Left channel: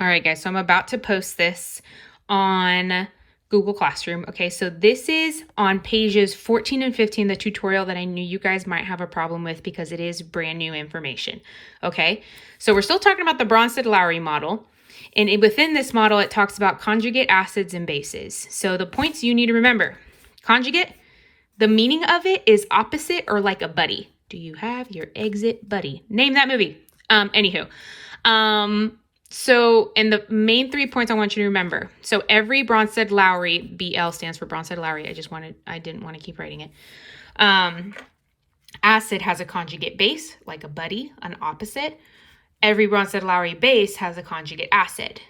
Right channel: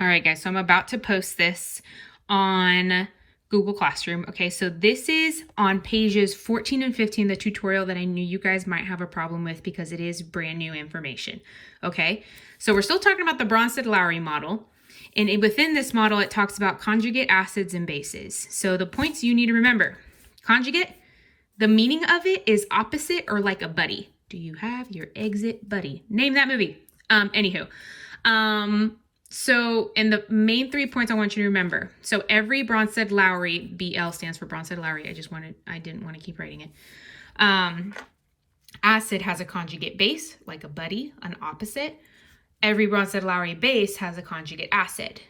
All right, guys, so I'm about to post this on Google Classroom. Okay, so this is on pages 14 and 15, the tutorial that I knew you guys might have a problem with because it is brand new information. Okay, so we're still talking about the Bronsted-Lowry model. And within this model, it talks about conjugate acids and bases. So the points you need to remember: conjugate, the meaning of it is opposite or like a buddy. Do you have your exit buddy? Name that movie. So, and the main 3 points I want you to remember. So every Bronsted-Lowry, BL stands for Bronsted-Lowry. I didn't want to keep writing it. Acid has a conjugate base, like a buddy, an opposite. Every Bronsted-Lowry base has a conjugate acid.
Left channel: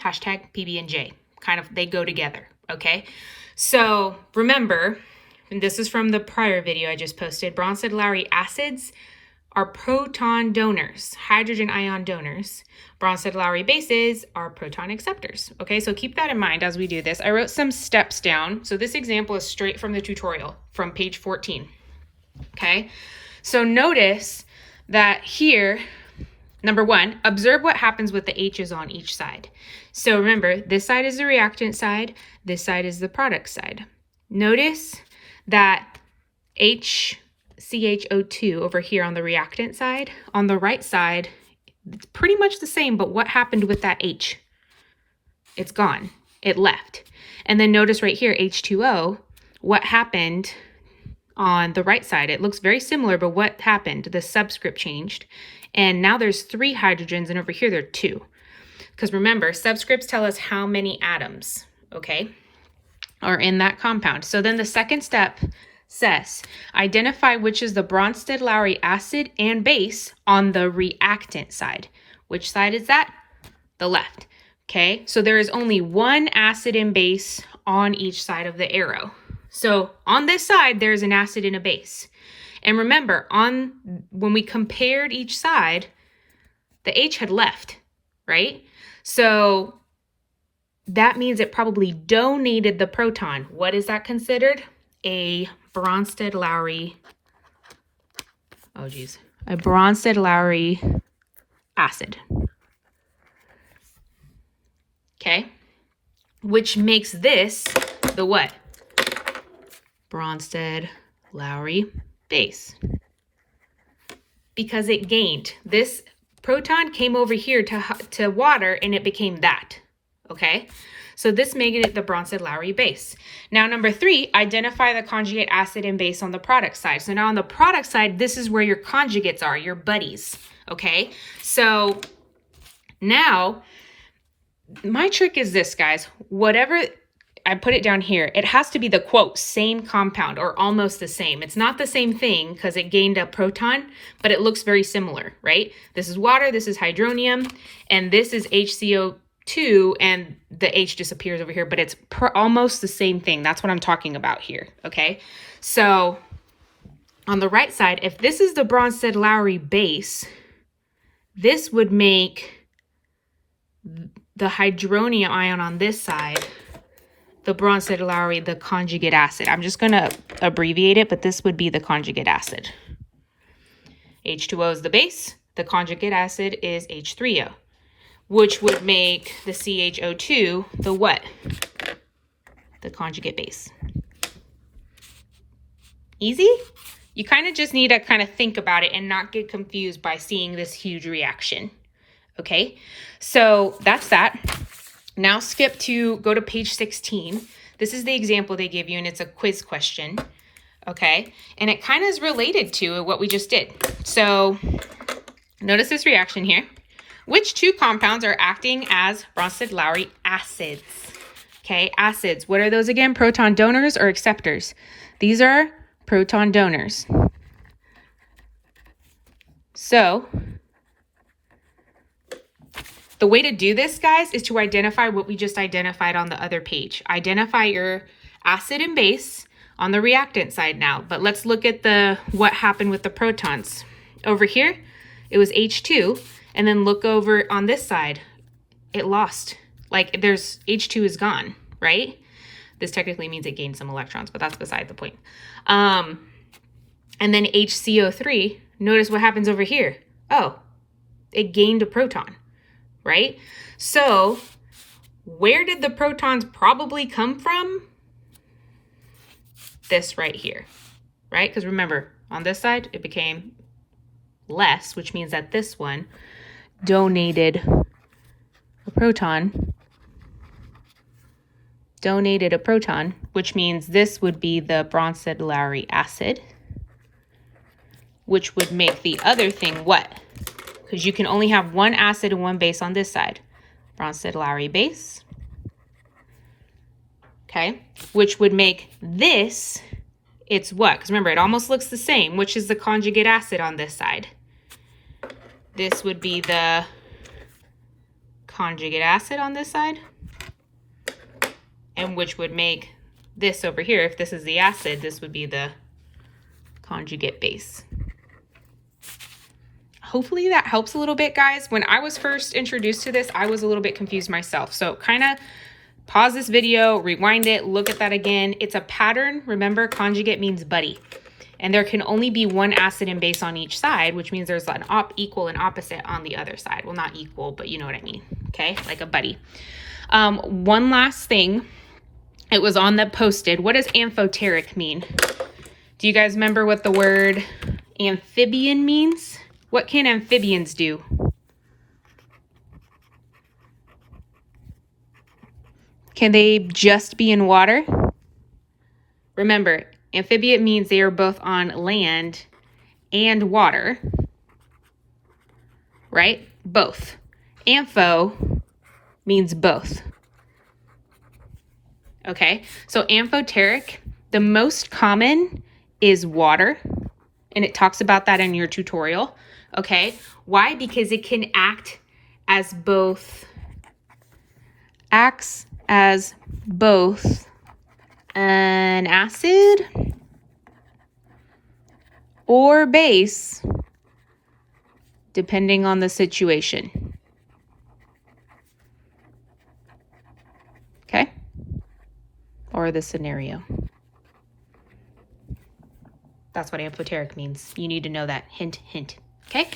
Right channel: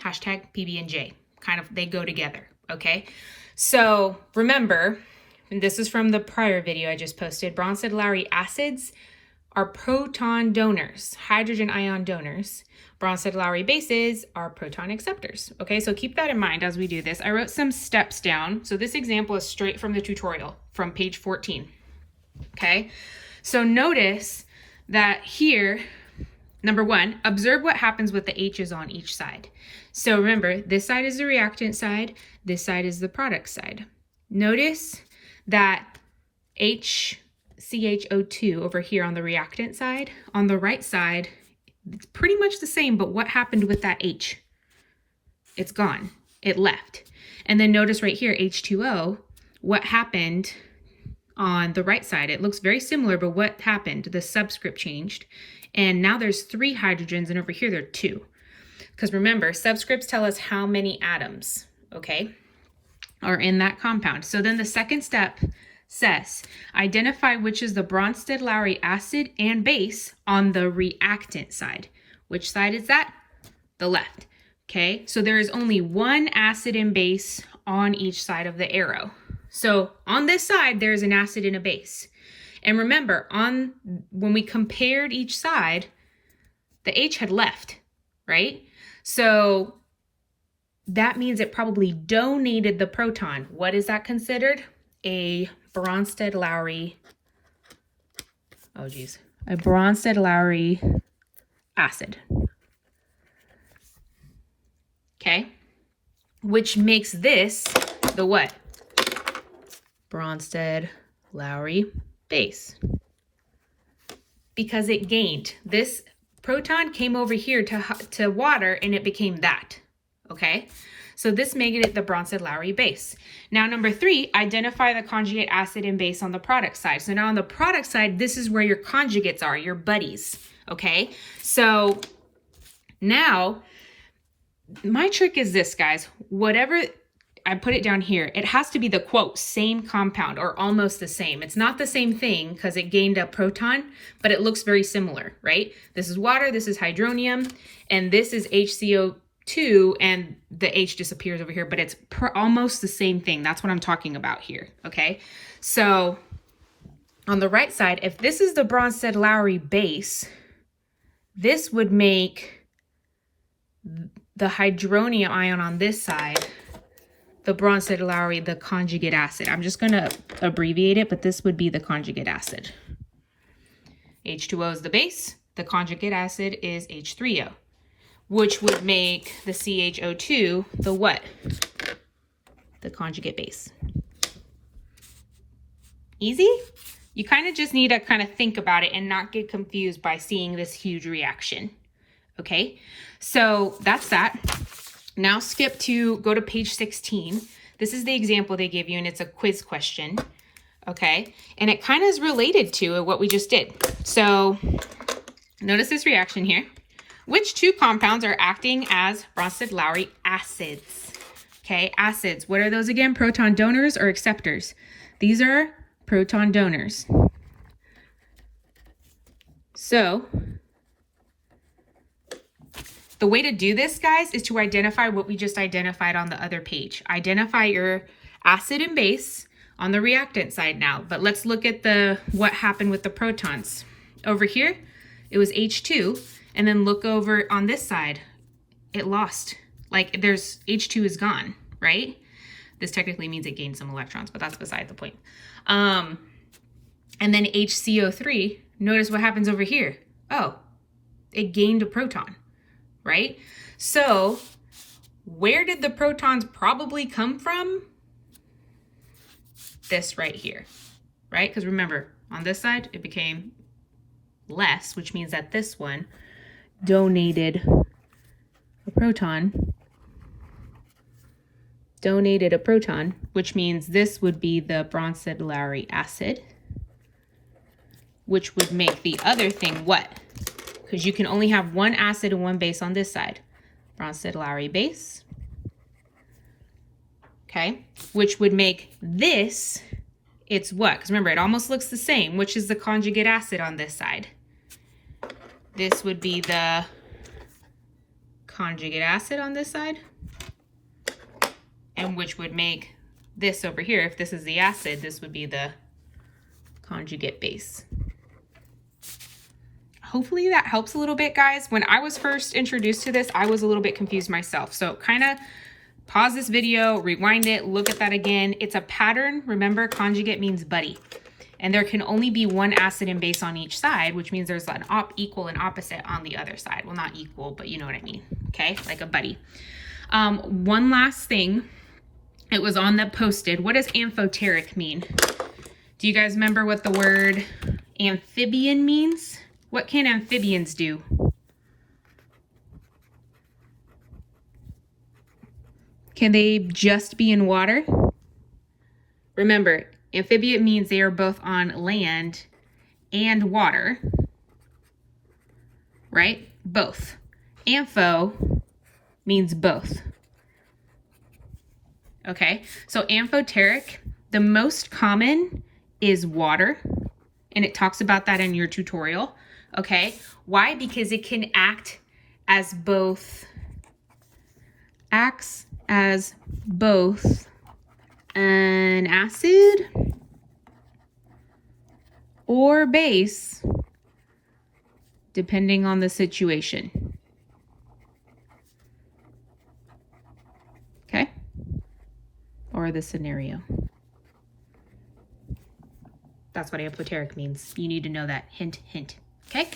Hashtag PB&J. Kind of, they go together, okay? So remember, and this is from the prior video I just posted, Bronsted-Lowry acids are proton donors, hydrogen ion donors. Bronsted-Lowry bases are proton acceptors. Okay, so keep that in mind as we do this. I wrote some steps down. So this example is straight from the tutorial from page 14. Okay, so notice that here, number 1, observe what happens with the H's on each side. So remember, this side is the reactant side, this side is the product side. Notice that CHO2 over here on the reactant side, on the right side, it's pretty much the same, but what happened with that H? It's gone. It left. And then notice right here, H2O, what happened on the right side? It looks very similar, but what happened? The subscript changed. And now there's 3 hydrogens, and over here there are 2. Because remember, subscripts tell us how many atoms, okay, are in that compound. So then the second step says, identify which is the Bronsted-Lowry acid and base on the reactant side. Which side is that? The left. Okay, so there is only one acid and base on each side of the arrow. So on this side, there's an acid and a base. And remember, when we compared each side, the H had left, right? So that means it probably donated the proton. What is that considered? A Bronsted-Lowry, a Bronsted-Lowry acid. Okay, which makes this the what? Bronsted-Lowry base. Because it gained. This proton came over here to water and it became that, okay? So this made it the Bronsted-Lowry base. Now, number 3, identify the conjugate acid and base on the product side. So now on the product side, this is where your conjugates are, your buddies, okay? So now, my trick is this, guys. Whatever, I put it down here, it has to be the, quote, same compound or almost the same. It's not the same thing because it gained a proton, but it looks very similar, right? This is water, this is hydronium, and this is HCO2, and the H disappears over here, but it's almost the same thing. That's what I'm talking about here, okay? So on the right side, if this is the Bronsted-Lowry base, this would make the hydronium ion on this side the Bronsted-Lowry, the conjugate acid. I'm just going to abbreviate it, but this would be the conjugate acid. H2O is the base. The conjugate acid is H3O, which would make the CHO2 the what? The conjugate base. Easy? You kind of just need to kind of think about it and not get confused by seeing this huge reaction. Okay, so that's that. Now go to page 16. This is the example they give you, and it's a quiz question. Okay, and it kind of is related to what we just did. So notice this reaction here. Which 2 compounds are acting as Bronsted-Lowry acids? Okay, acids. What are those again? Proton donors or acceptors? These are proton donors. So the way to do this, guys, is to identify what we just identified on the other page. Identify your acid and base on the reactant side now. But let's look at what happened with the protons. Over here, it was H2. And then look over on this side. It lost. Like, H2 is gone, right? This technically means it gained some electrons, but that's beside the point. And then HCO3, notice what happens over here. Oh, it gained a proton. right? So where did the protons probably come from? This right here, right? Because remember, on this side, it became less, which means that this one donated a proton, which means this would be the Bronsted-Lowry acid, which would make the other thing what? Because you can only have one acid and one base on this side. Bronsted-Lowry base, okay? Which would make this, it's what? Because remember, it almost looks the same, which is the conjugate acid on this side. This would be the conjugate acid on this side, and which would make this over here, if this is the acid, this would be the conjugate base. Hopefully that helps a little bit, guys. When I was first introduced to this, I was a little bit confused myself. So kind of pause this video, rewind it, look at that again. It's a pattern. Remember, conjugate means buddy. And there can only be one acid and base on each side, which means there's an equal and opposite on the other side. Well, not equal, but you know what I mean, okay? Like a buddy. One last thing. It was on the posted. What does amphoteric mean? Do you guys remember what the word amphibian means? What can amphibians do? Can they just be in water? Remember, amphibian means they are both on land and water, right? Both. Ampho means both. Okay, so amphoteric, the most common is water, and it talks about that in your tutorial. Okay, why? Because it can act as both, an acid or base, depending on the situation. Okay, or the scenario. That's what amphoteric means. You need to know that. Hint, hint. Okay.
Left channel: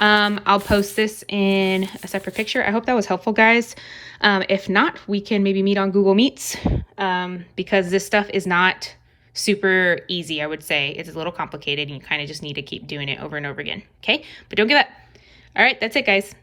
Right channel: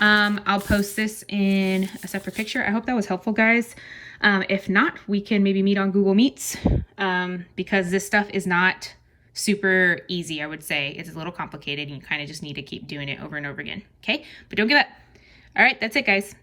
I'll post this in a separate picture. I hope that was helpful, guys. If not, we can maybe meet on Google Meets, because this stuff is not super easy, I would say. It's a little complicated, and you kind of just need to keep doing it over and over again. Okay. But don't give up. All right. That's it, guys.